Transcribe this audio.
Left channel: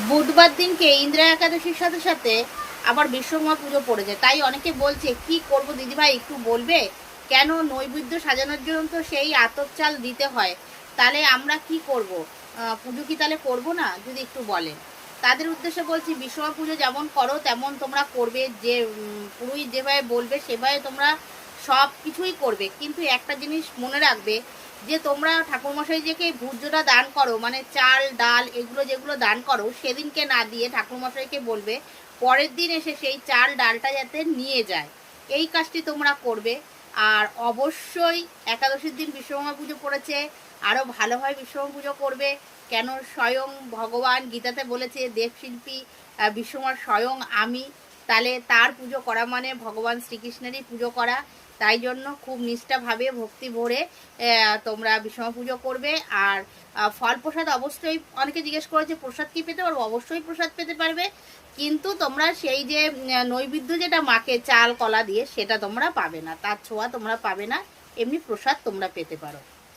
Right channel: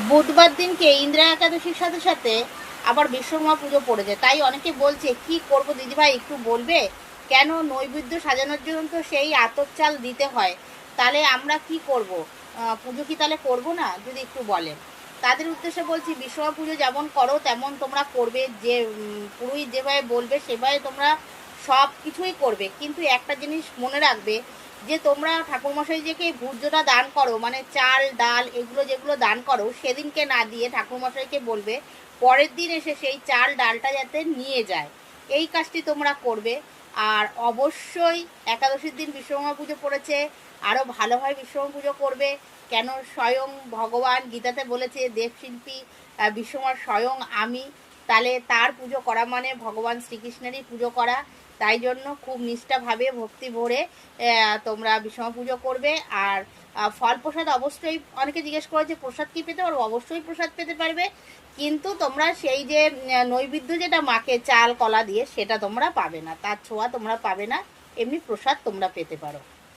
বুধবার দিনকে ইন্দ্রা একাদশীর সাথে সাথে আবার বিশ্বকর্মা পুজো পড়েছে, তাই অনেকে বলছে কি করব দিদিভাই একটু বলবে, কেন নৈবেদ্য সাজানোর জন্য তো সেই আতপ চাল দিতে হয়, তাহলে আমরা কি করব, পুজো কি তাহলে করব না, যদি একটু বলেন। তাদের উদ্দেশ্যে বলছি, বিশ্বকর্মা পুজো যেমন করো তেমন তোমরা করবে, যে পুরোহিত যেভাবে বলবে সেভাবে তোমরা সব কিছুই করবে, কিন্তু একটা জিনিস মনে রাখবে, যে তোমরা ঠাকুরমশাইকে ভূর্যটা দান করো, মানে চাল ডাল এগুলো যেগুলো দান করো, সেদিনকে না দিয়ে ঠাকুরমশাইকে বলবে পরের দিন এসে সেই চাল ডালটা যাতে নিয়ে যায়, এই কাজটি তোমরা করবে। আর অবশ্যই একাদশীর দিন বিশ্বকর্মা পুজো পড়েছে, আরও ভালোভাবে বিশ্বকর্মা পুজো করবে। কেন, স্বয়ং ভগবান গীতাতে বলেছে দেবশিল্পী বিশ্বকর্মা স্বয়ং আমি, তাহলে তার পুজো করা মানে ভগবান শ্রীকৃষ্ণেরই পুজো করা। তাই জন্য খুব নিষ্ঠাভাবে ভক্তি ভরে তোমরা বিশ্বকর্মা পুজো করবে। আর ফল প্রসাদ অবশ্যই, অনেকে জিজ্ঞেস করেছে প্রসাদ কি পেতে পারবো, অবশ্যই প্রসাদ পেতে পারবে, কিন্তু তোমরা সেই যে নৈবেদ্য যেটা মাকে চাল কলা দিয়ে সেটা তোমরা পাবে না, তার ছোঁয়া তোমরা পাবে না, এমনি প্রসাদ তোমরা পেতে পারো।